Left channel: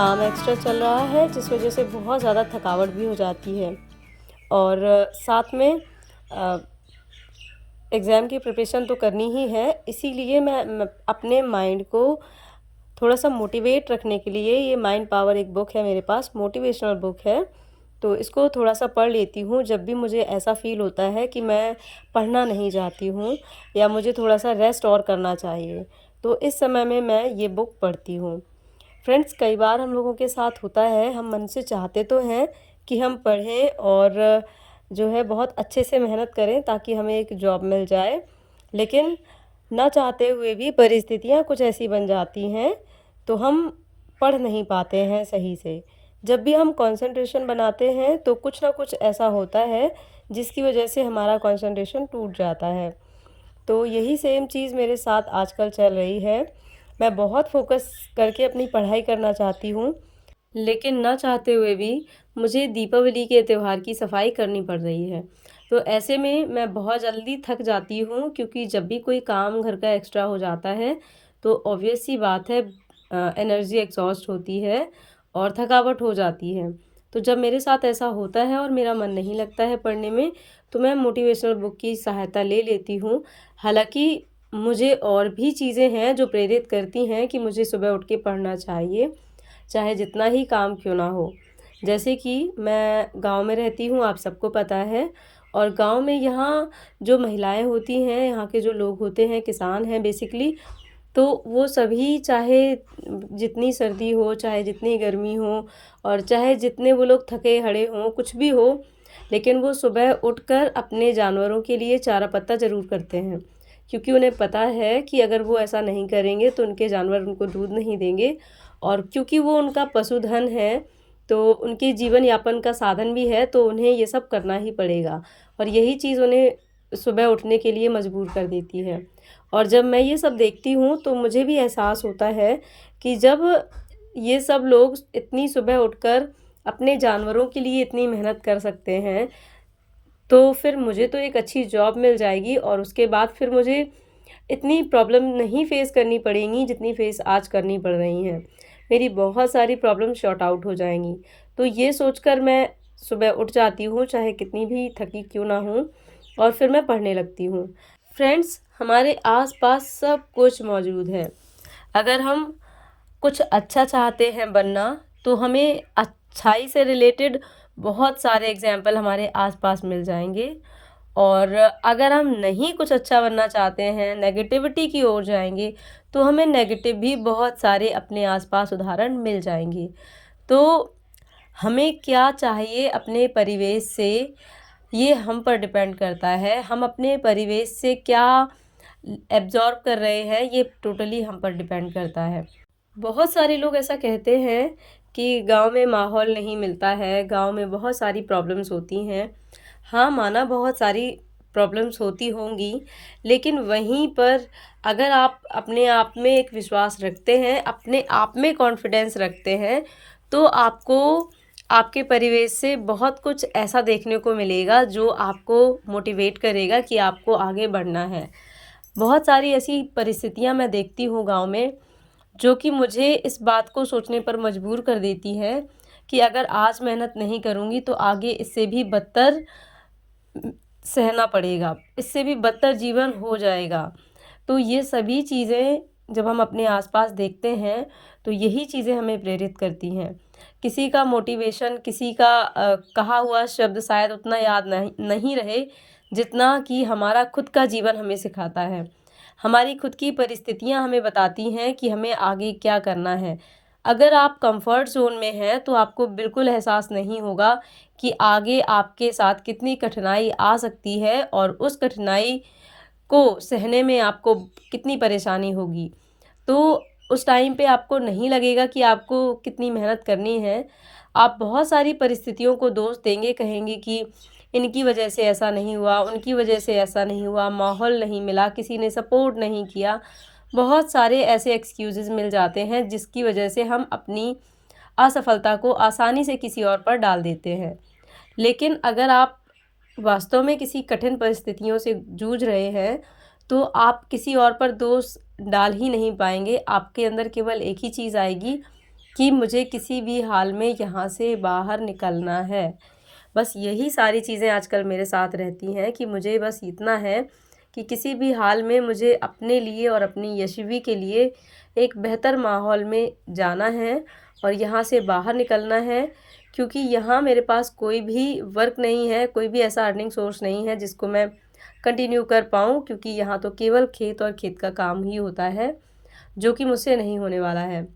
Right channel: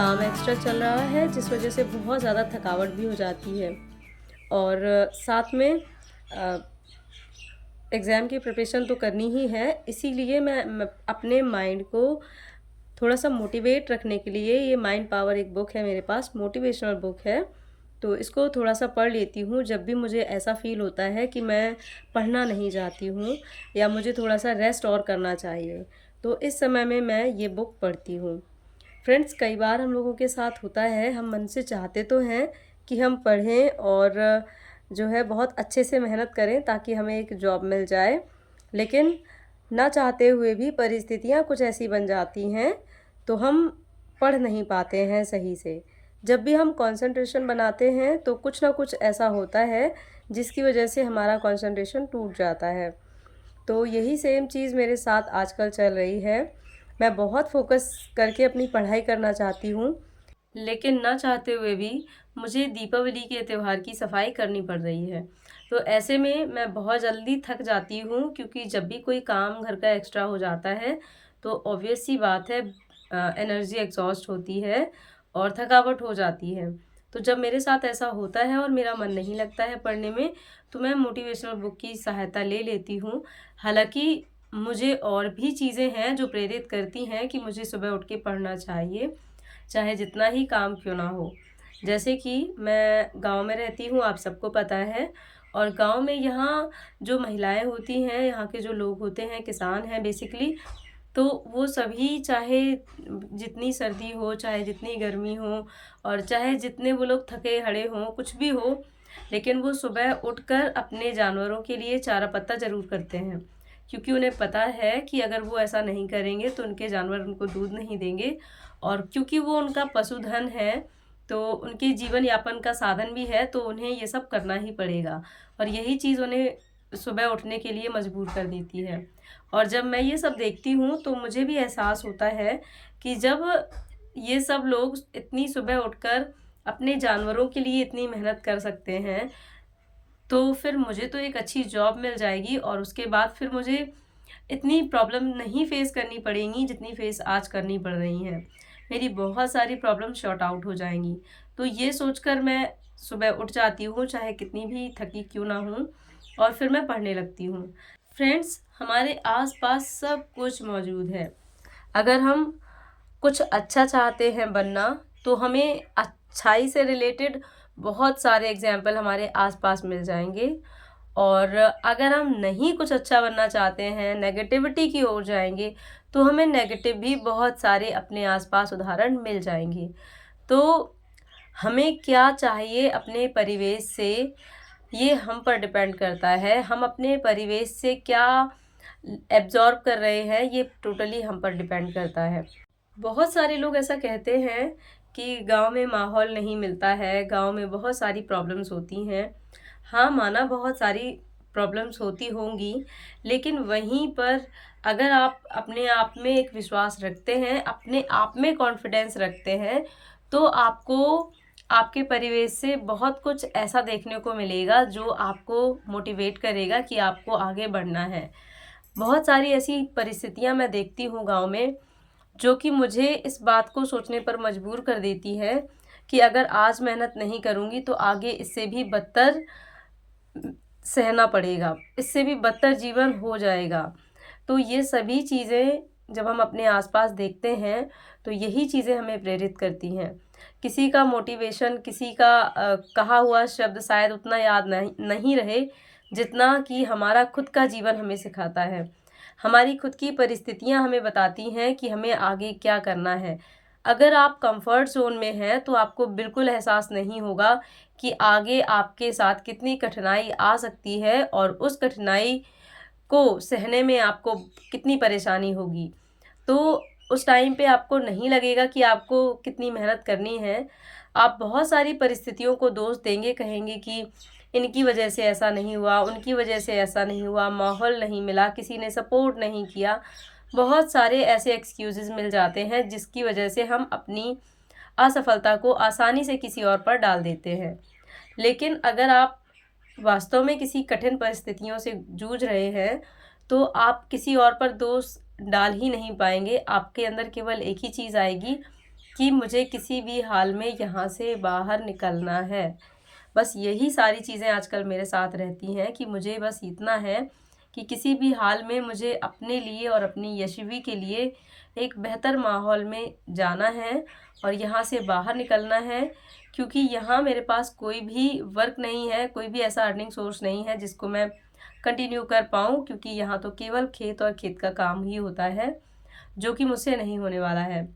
काम एक्स्ट्रा चल रहा है जिस वज़ह से बहुत ज़्यादा थकावट भी हो जाती है। और साथ में अ, एग्ज़ाम की प्रिपरेशन तो करनी ही है, इसीलिए मैं अपने माइंड को थोड़ा-सा मोटिवेट रखने के लिए ये माइंड पावर एक बुक है मेरे पास, मोटिवेशनल बुक है। तो इसको थोड़ा-सा पढ़ लेती हूँ जब भी मुझे ऐसा फ़ील होता है कि मैं पढ़ना नहीं चाहती हूँ या मुझे थोड़ा-सा रेस्ट और करना चाहिए। तो इस समय में मैं ये बुक पढ़ती हूँ। फ्रेंड्स, कई बार हम लोगों के साथ होता है, हम मन से चाहते तो हैं कि हम पढ़ें और जो है बहुत अच्छे से मेहनत करें ताकि हमें एक जॉब मिल जाए। लेकिन ना चाहते हुए भी परिस्थितियाँ कुछ ऐसी बन जाती हैं, तो हम पढ़ नहीं पाते हैं सही से। जब भी हम कंसंट्रेशन बनाते हैं, तो कुछ ना कुछ ऐसा होता है, जिसकी वजह से हमारा कंसंट्रेशन टूट जाता है। तो यही सेम चीज़ मेरे साथ आजकल चल रही है। मैं बहुत फ़ोकस करके अपनी पढ़ाई करना चाहती हूँ, लेकिन ना चाहते हुए भी मुझे दीपावली के त्योहार की सफाई करनी पड़ रही है। तो ऐसे में मैं बहुत जल्दी थक जाती हूँ, क्योंकि जब भी कोई काम घर का एक्स्ट्रा हो जाता है, तो ऑब्वियस सी बात है, एनर्जी एग्ज़ॉस्ट होती है और थकावट हो जाती है। तो जब मेरे साथ ऐसा होता है और मेरा मन नहीं लगता है पढ़ने में, तो मैं मोटिवेशनल बुक की सहायता ले लेती हूँ। हालाँकि मुझे और भी चीज़ें हैं जो प्रेरित करती हैं कि मुझे सुबह उठ के पढ़ना चाहिए, चाहे जितना ही काम क्यों ना हो। जैसे कि मैं गाँव में रहती हूँ, आप सबको पता है, और गाँव में यहाँ जो महिलाएँ होती हैं, यहाँ के जो लोग होते हैं, किसान हैं बेसिकली, तो वो सभी चाहे जितनी सर्दी हो, चाहे जितनी गर्मी हो और चाहे जितने वो लोग थके-हारे हों, कुछ भी हो, लेकिन वो सुबह उठकर अपने जानवरों के लिए चारा पत्ता ज़रूर करते हैं। क्योंकि उन्हें पता है कि अगर वो ऐसा नहीं करेंगे तो उनके जानवर उनको दूध नहीं देंगे, और क्योंकि वो उनका पशुधन है, तो उनके जीवन यापन का साधन भी है, तो उन्हें ये सब करना ही पड़ेगा और यही चीज़ उन्हें सुबह उठने के लिए मजबूर कर देती है। और जब मैं ये सब देखती हूँ, तो मुझे भी एहसास होता है कि जब ये सब लोग इतनी सुबह उठकर अपने जानवरों के लिए इतनी मेहनत कर सकते हैं, तो फिर मुझे तो एक अच्छी जॉब मिल जाएगी और उसके बाद फिर मुझे इतनी प्रॉब्लम नहीं फ़ेस करनी पड़ेंगी जितनी फ़ेस आज करनी पड़ रही हैं। मेरी बहुत सारी प्रॉब्लम सॉर्ट आउट हो जाएँगी। तो ये सोचकर मैं सुबह उठ जाती हूँ, चाहे कितनी भी थकी क्यों ना हूँ, और फिर मैं पढ़ने लगती हूँ। फ्रेंड्स, हमारे आस-पास सब कुछ मौजूद है। अगर हम कुछ अच्छा चाहते हैं बनना, तो हमें अच्छाई से रिलेटेड बहुत सारे एग्ज़ाम्पल हमारे आस-पास मिल जाएँगे, और अगर हम नहीं कुछ अच्छा बनना चाहते हैं, नेगेटिविटी की ओर जाएँगे, तो हमें नेगेटिव भी बहुत सारे अपने आस-पास उदाहरण मिल जाएँगे। तो हमें क्या चाहिए अपने परिवेश से, ये हम पर डिपेंड करता है। हम अपने परिवेश से क्या एब्ज़ॉर्ब कर रहे हैं, ये टोटली हम पर डिपेंड करता है। बहुत सारे लोग ऐसा कहते हैं कि गाँव में माहौल नहीं मिलता है, गाँव में बहुत सारी प्रॉब्लम्स होती हैं। हाँ, माना बहुत सारी प्रॉब्लम्स होती होंगी, लेकिन वहीं पर अगर आप अपने आप में एक विश्वास रखते हैं, अपने आप में कॉन्फिडेंस रखते हैं, तो आपको आपके परिवेश से बहुत कुछ ऐसा देखने को मिलेगा जो आपको मोटिवेट करेगा कि आपको आगे बढ़ना है। बहुत सारी ऐसी परिस्थितियाँ मैं देखती हूँ गाँव में, जो कि मुझे इस बात को सोचने पर मजबूर कर देती है कि अगर आज मेहनत नहीं करूँगी तो आगे इससे भी बदतर सहना पड़ेगा, इससे भी बदतर जीवन हो जाएगा। तो ये सभी चीज़ें जब हम अपने आस-पास देखते हैं, तो यही चीज़ें हमें प्रेरित करती हैं। किसी का मोटिवेशन, किसी का कहा हुआ शब्द शायद उतना याद नहीं रहे, जितना कि हमारा खुद का जीवन हमें सिखाता है। हमारी खुद की परिस्थितियाँ हमें बताती हैं कि हमें आगे क्या करना है। अगर आप कम्फ़र्ट ज़ोन में हैं, तो आपको बिल्कुल एहसास नहीं होगा कि आगे आपके साथ कितनी कठिनाई आ सकती है और उस कठिनाई को सहने में आपको कितनी परेशानी होगी। तो उस टाइम पे आपको नहीं लगेगा कि आपको कितनी मेहनत करनी है। आप बहुत सारी परिस्थितियों को दोष देंगे, कहेंगे कि इनकी वजह से ऐसा नहीं हुआ, उनकी वजह से ऐसा नहीं हुआ, माहौल नहीं मिला, किसी ने सपोर्ट नहीं किया। बहुत सारे ऐसे एक्सक्यूज़ेज़ मिल जाते हैं जिसकी वजह से हम अपनी असफलता को आसानी से किसी और पर डाल देते हैं। लेकिन अगर आप वास्तव में किसी कठिन परिस्थितियों से जूझ रहे हैं, तो आप किसी और पर दोष डाल ही नहीं पाएँगे। आपके अंदर केवल एक ही चीज़ आएगी कि मुझे किसी भी हाल में यहाँ से बाहर निकलना है। बस यही सारी चीज़ें आजकल मेरे साथ रहती हैं कि मुझे बस इतना है कि किसी भी हाल में मुझे अपने लिए और अपनी यशवी के लिए एक बेहतर माहौल में जाना है और यहाँ से बाहर निकलना है, क्योंकि यहाँ मेरे पास कोई भी वर्क नहीं है, कोई भी ऐसा अर्निंग सोर्स नहीं है जिसको मैं कंटिन्यू कर पाऊँ, क्योंकि यहाँ तो केवल खेत और खेत का काम ही होता है, जो कि मुझसे नहीं होने वाला है।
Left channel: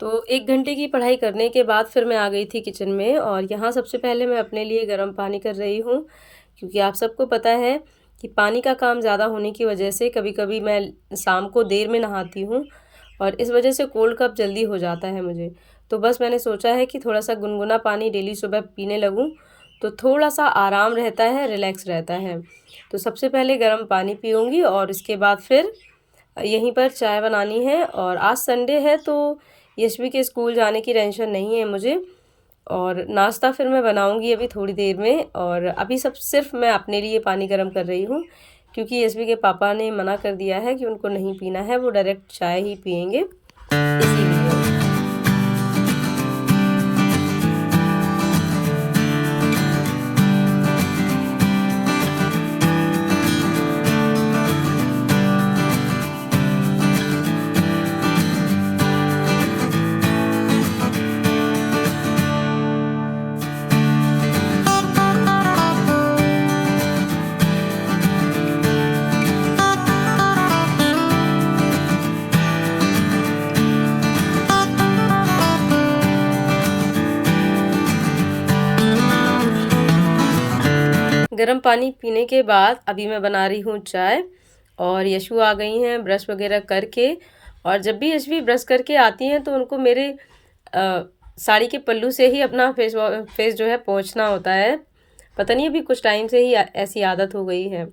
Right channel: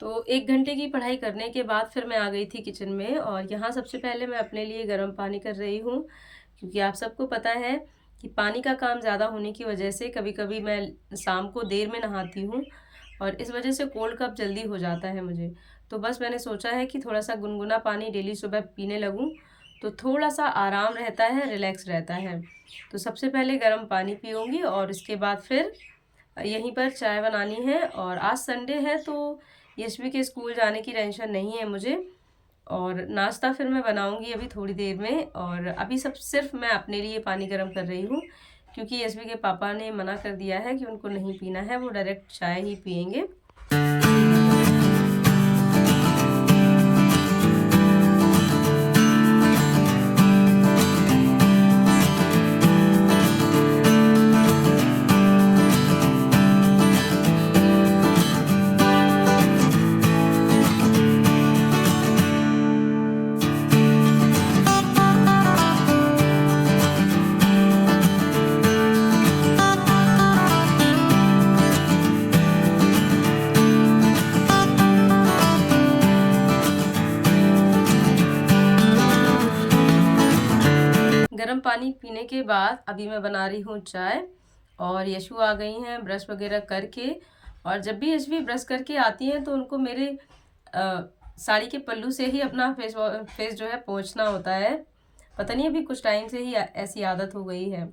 तो 1 घंटे की पढ़ाई करने के बाद फिर मैं आ गई थी किचन में और यहाँ सबसे पहले मैं अपने लिए गर्म पानी कर रही हूँ, क्योंकि आप सबको पता है कि पानी का काम ज़्यादा होने की वजह से कभी-कभी मैं शाम को देर में नहाती हूँ और इस वजह से कोल्ड कफ जल्दी हो जाता है मुझे। तो बस मैंने सोचा है कि थोड़ा-सा गुनगुना पानी डेली सुबह पीने लगूँ, तो थोड़ा-सा आराम रहता है, रिलैक्स रहता है। तो सबसे पहले गर्म पानी पीऊँगी और उसके बाद फिर यहीं पर चाय बनानी है। और आज संडे है तो यशवी के स्कूल जाने की टेंशन नहीं है मुझे, और नाश्ता फिर मैं बनाऊंगी अभी थोड़ी देर में। और अभी सब सिर्फ मैं अपने लिए पानी गर्म कर रही हूँ, क्योंकि यशवी के पापा ने मना कर दिया है कि उनको नहीं पीना है, वो डायरेक्ट चाय ही पियेंगे, इसीलिए। गर्म पानी पीने के बाद अभी मैं बना रही हूँ चाय और यशु आ गई हैं ब्रश वगैरह करके। और जब भी यशवी ब्रश करके आती हैं तो उनको मेरे साड़ी के पल्लू से ही अपना फेस जो है पोंछना होता है। पता नहीं अभी कुछ टाइम से ही ऐसी आदत हो गई है।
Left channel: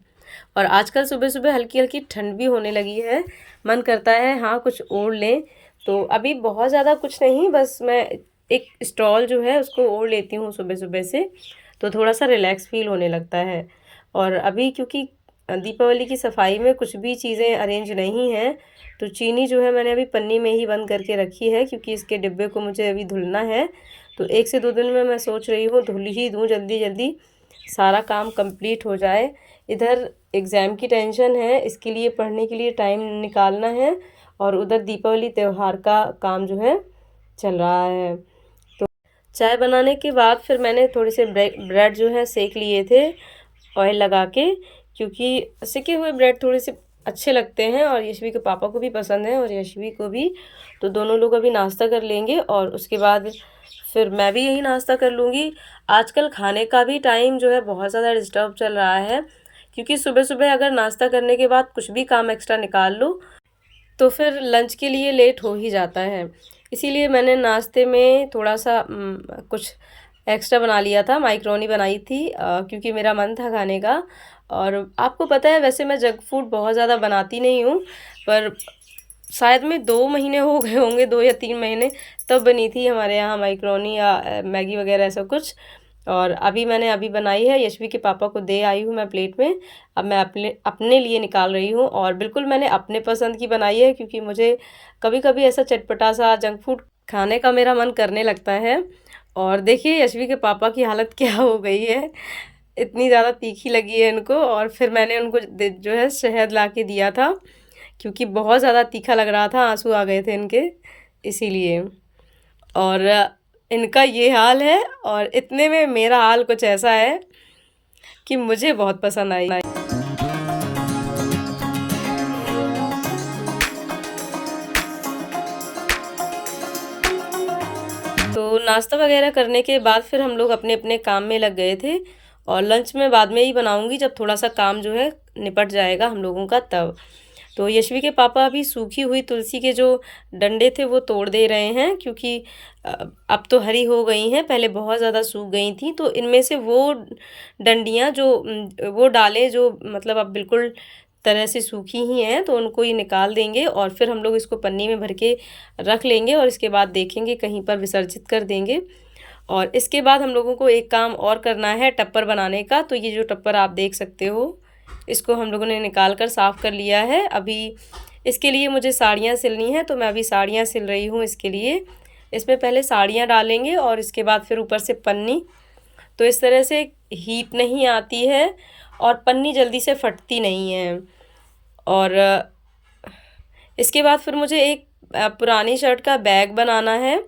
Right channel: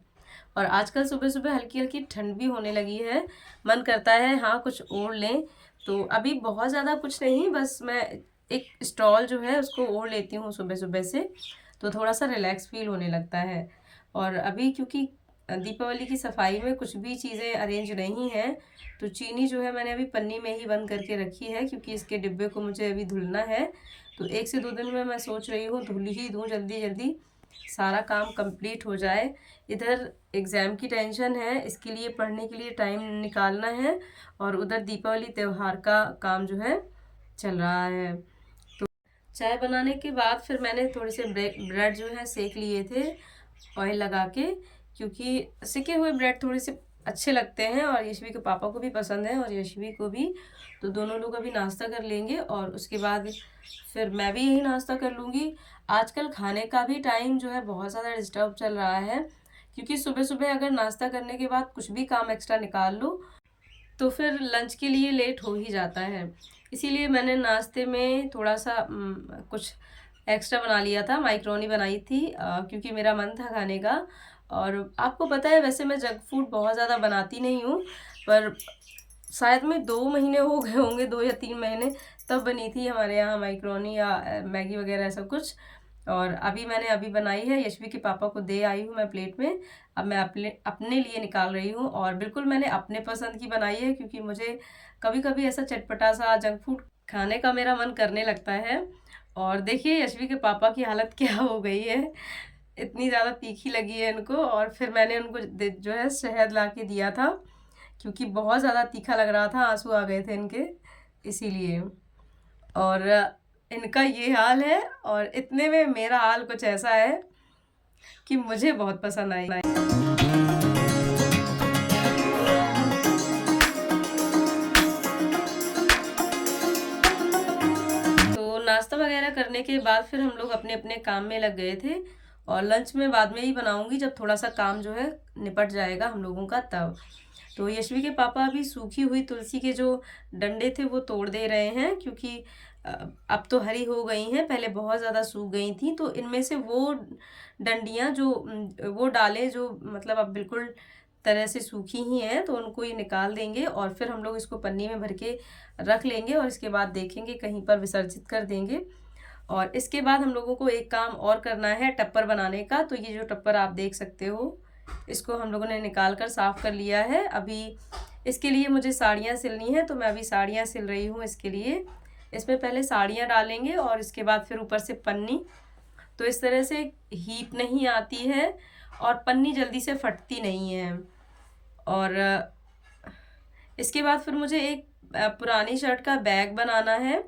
और आजकल सुबह सुबह हल्की हल्की ठंड भी होने लगी है, मन करता है हाँ कुछ ओढ़ लें। तो अभी बहुत ज़्यादा कुछ नहीं, बस मैं एक स्टॉल जो है उसको ओढ़ लेती हूँ सुबह सुबह से, तो थोड़ा सा रिलैक्स फील होने लगता है। और अभी क्योंकि दीपावली की सफाई में कुछ भी चीज़ें अरेंज नहीं हैं, तो चीनी जो है मैंने अभी पन्नी में ही बंद करके रखी है, क्योंकि इसके डिब्बे को मुझे अभी धुलना है। तो 1 से 2 दिन में मैं सोच रही हूँ धुल ही दूँ, जल्दी जल्दी सारा काम कंप्लीट हो जाए। इधर एग्ज़ाम की टेंशन है, इसके लिए पढ़ने के लिए टाइम निकालना है, और उधर दीपावली त्यौहार का काम जो है चल रहा है। तो चाय बनाने के बाद फिर मैंने थोड़े से ब्रेड जो है सेक लिए थे ऑयल लगा के, क्योंकि सेके हुए ब्रेड थोड़े से अच्छे लगते हैं और यशवी के पापा को भी पसंद है और यशवी को भी। तो दोनों लोग अभी नाश्ता कर लेंगे और उसके बाद फिर मैं भी यही नाश्ता कर लूँगी। आजकल खाने का भी टाइम जो है बहुत ज़्यादा डिस्टर्ब चल रहा है, क्योंकि सुबह सुबह अगर नाश्ता करने के बाद कुछ भी काम एक्स्ट्रा निकाल लो तो फिर लंच के लिए लेट हो ही जाता है। इसीलिए मैंने नाश्ते में थोड़ा सा कुछ एक्स्ट्रा बना लिया था, माइक्रोनी बनाई थी, क्योंकि मेरा मन था खाने का। और आपको पता है वैसे मैं जंक फूड बहुत ज़्यादा बनाती नहीं हूँ, पर शायद में 2 महीने हो गए होंगे, 2 या 3 महीने, तब बनी थी हमारे यहाँ माइक्रोनी या मैगी वगैरह ऐसा कुछ। और अभी मैंने अभी बनाई है, यशवी के पापा को दे आई हूँ मैं प्लेट में। अब मैं अपने अपने लिए निकाल रही हूँ, और बिल्कुल मैंने अपने पसंद की बनाई है, क्योंकि मुझे कभी-कभी ऐसा चटपटा सा जंक फूड खाने का मेरा मन करने लगता है। और देखिए यशवी के पापा की हालत क्या हो गई है, इतनी ज़्यादा तीखी लगी है इनको। और फिर मैंने उनको जो है शहद ला के दिया था, क्योंकि बहुत ज़्यादा तीखा लग रहा था, आंसू आ गए थे इनके, इसीलिए। और इनका ये हाल है, और इतने में मेरा हाल कुछ ऐसा है कि मुझे बहुत पसंद आई। तो नाश्ता वगैरह करने के बाद फिर हम लोग अपने अपने काम में लग गए थे, और लंच में बाद में ही बनाऊंगी जब थोड़ा सा काम जो है निपट जाएगा हम लोगों का तब। तो यशवी के पापा अभी सूखी हुई तुलसी के जो डंडे थे वो तोड़ दे रहे हैं, क्योंकि अब तो हरी हो गई हैं, पहले बहुत ज़्यादा सूख गई थी। तो इनमें से वो डंडियाँ जो वो डालें जो मतलब अब बिल्कुल तरह से सूखी ही हैं, तो उनको ये निकाल देंगे और फिर हम लोग इसको पन्नी में भर के रख लेंगे, और इसके बाद देखेंगे कहीं पर विसर्जित कर देंगे। और इसके बाद हम लोगों को एक काम और करना है टप्पर बनाने का। तो ये जो टप्पर आप देख सकते हो, इसको हम लोगों ने निकाल कर साफ़ कर लिया है। अभी इसके लिए मुझे साड़ियाँ सिलनी हैं, तो मैं अभी साड़ियाँ सिल रही हूँ इसके लिए, इसमें पहले साड़ियाँ डालेंगे और इसके बाद फिर ऊपर से पन्नी। तो इस तरह से हीट नहीं आती है और पन्नी जल्दी से फटती नहीं है। और इसके बाद फिर मुझे एक पुरानी शर्ट का बैग बनाना है,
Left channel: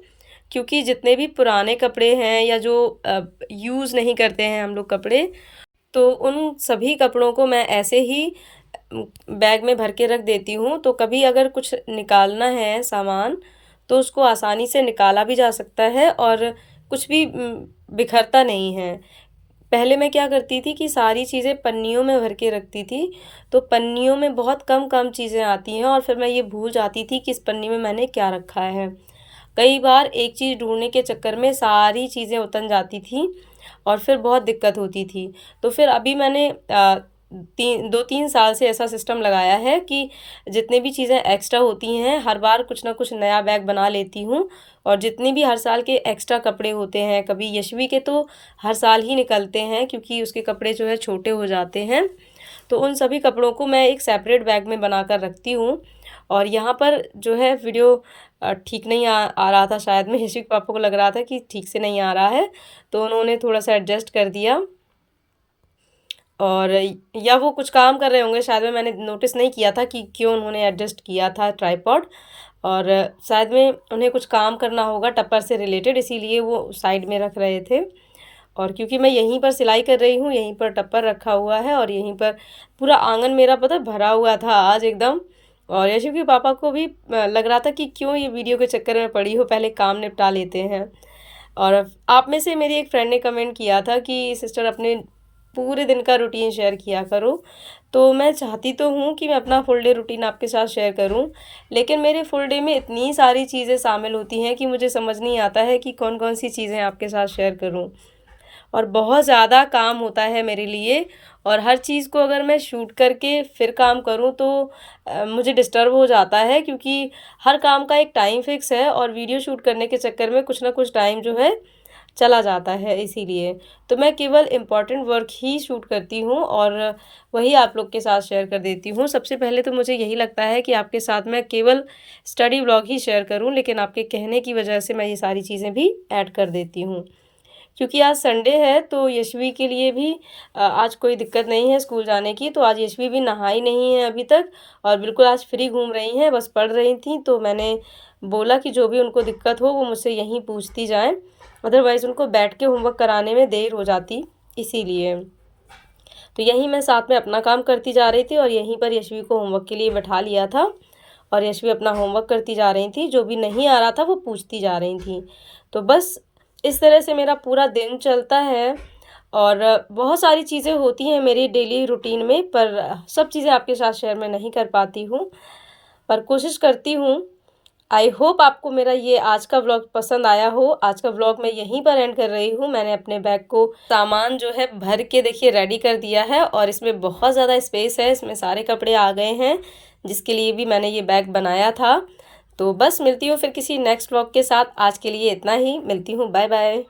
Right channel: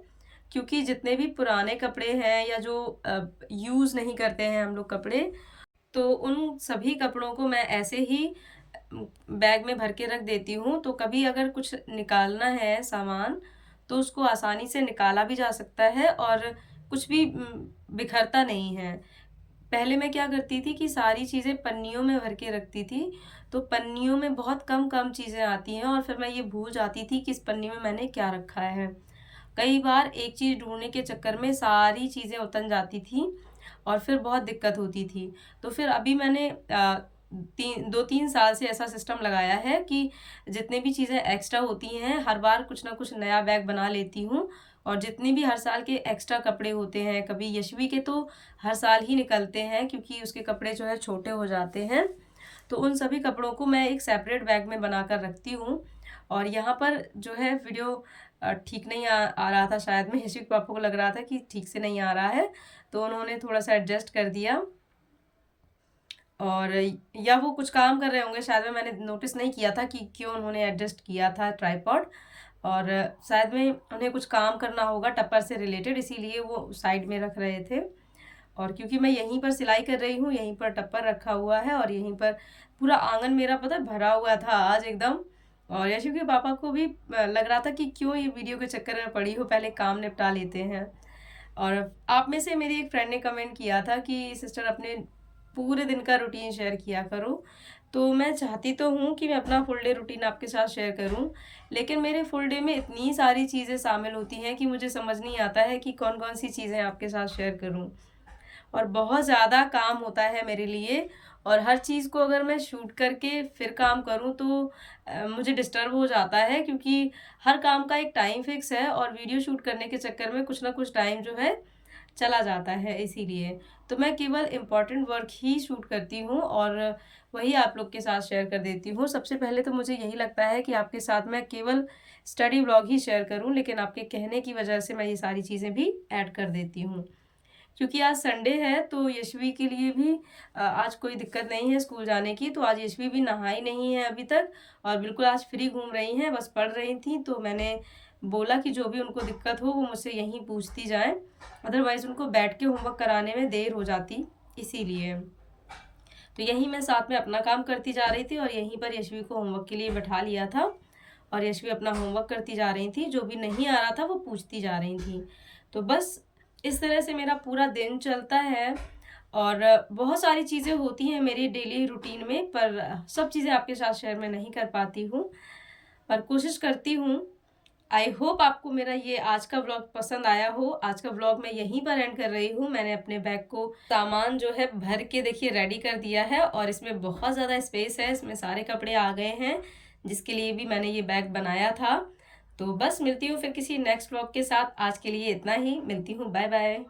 क्योंकि जितने भी पुराने कपड़े हैं या जो यूज़ नहीं करते हैं हम लोग कपड़े, तो उन सभी कपड़ों को मैं ऐसे ही बैग में भर के रख देती हूँ। तो कभी अगर कुछ निकालना है सामान, तो उसको आसानी से निकाला भी जा सकता है और कुछ भी बिखरता नहीं है। पहले मैं क्या करती थी कि सारी चीज़ें पन्नियों में भर के रखती थी, तो पन्नियों में बहुत कम कम चीज़ें आती हैं और फिर मैं ये भूल जाती थी कि इस पन्नी में मैंने क्या रखा है। कई बार एक चीज़ ढूँढने के चक्कर में सारी चीज़ें उतन जाती थीं और फिर बहुत दिक्कत होती थी। तो फिर अभी मैंने 2-3 साल से ऐसा सिस्टम लगाया है कि जितनी भी चीज़ें एक्स्ट्रा होती हैं, हर बार कुछ ना कुछ नया बैग बना लेती हूँ। और जितनी भी हर साल के एक्स्ट्रा कपड़े होते हैं, कभी यशवी के तो हर साल ही निकलते हैं क्योंकि उसके कपड़े जो है छोटे हो जाते हैं। तो उन सभी कपड़ों को मैं एक सेपरेट बैग में बनाकर रखती हूँ। और यहाँ पर जो है वीडियो ठीक नहीं आ रहा था शायद में, यशवी के पापा को लग रहा था कि ठीक से नहीं आ रहा है, तो उन्होंने थोड़ा-सा एडजस्ट कर दिया। और या वो कुछ काम कर रहे होंगे शायद में, मैंने नोटिस नहीं किया था कि क्यों उन्होंने एडजस्ट किया था ट्राइपॉड। और शायद में उन्हें कुछ काम करना होगा टप्पर से रिलेटेड, इसीलिए वो साइड में रख रहे थे। और क्योंकि मैं यहीं पर सिलाई कर रही हूँ, यहीं पर टप्पर रखा हुआ है और यहीं पर पूरा आंगन मेरा पता है भरा हुआ था आज एकदम। और यशु के पापा को भी लग रहा था कि क्यों ये वीडियो के चक्कर में पड़ी हो, पहले काम निपटा लेते हैं। और आप में से मेरी एक फ्रेंड ने कमेंट किया था कि सिस्टर अपने पूरे दिन का रूटीन शेयर किया करो। तो मैं चाहती तो हूँ कि मैं अपना फुल डे रूटीन आपके साथ शेयर करूँ, लेकिन मेरे फुल डे में इतनी सारी चीज़ें शामिल होती हैं कि मुझे समझ नहीं आता है कि कौन-कौन सी चीज़ें आपके साथ शेयर करूँ। और बहुत ज़्यादा काम होता है मेरे लिए और हर चीज़ को अगर मैं शूट करके फिर काम करूँ तो मुझे डिस्टर्ब हो जाता है, क्योंकि हर काम का एक टाइम फ़िक्स है और वीडियो शूट करने के चक्कर में कुछ ना कुछ टाइम जो है चला जाता है इसीलिए। तो मैं केवल इम्पोर्टेंट वर्क ही शूट करती हूँ और वही आप लोग के साथ शेयर कर देती हूँ। सबसे पहले तो मुझे यही लगता है कि आपके साथ मैं केवल स्टडी व्लॉग ही शेयर करूँ, लेकिन आपके कहने की वजह से मैं ये सारी चीज़ें भी ऐड कर देती हूँ। क्योंकि आज संडे है तो यशवी के लिए भी आज कोई दिक्कत नहीं है स्कूल जाने की, तो आज यशवी भी नहाई नहीं है अभी तक और बिल्कुल आज फ्री घूम रही हैं, बस पढ़ रही थीं। तो मैंने बोला कि जो भी उनको दिक्कत हो वो मुझसे यहीं पूछती जाएँ, अदरवाइज़ उनको बैठ के होमवर्क कराने में देर हो जाती, इसीलिए। तो यहीं मैं साथ में अपना काम करती जा रही थी और यहीं पर यशवी को होमवर्क के लिए बैठा लिया था और यशवी अपना होमवर्क करती जा रही थी, जो भी नहीं आ रहा था वो पूछती जा रही थी। तो बस इस तरह से मेरा पूरा दिन चलता है और बहुत सारी चीज़ें होती हैं मेरी डेली रूटीन में, पर सब चीज़ें आपके साथ शेयर मैं नहीं कर पाती हूँ, पर कोशिश करती हूँ। आई होप आपको मेरा ये आज का व्लॉग पसंद आया हो। आज का व्लॉग मैं यहीं पर एंड कर रही हूँ। मैंने अपने बैग को सामान जो है भर के देखिए रेडी कर दिया है और इसमें बहुत ज़्यादा स्पेस है, इसमें सारे कपड़े आ गए हैं, जिसके लिए भी मैंने ये बैग बनाया था। तो बस मिलती हूँ फिर किसी नेक्स्ट व्लॉग के साथ। आज के लिए इतना ही, मिलती हूँ, बाय बाय।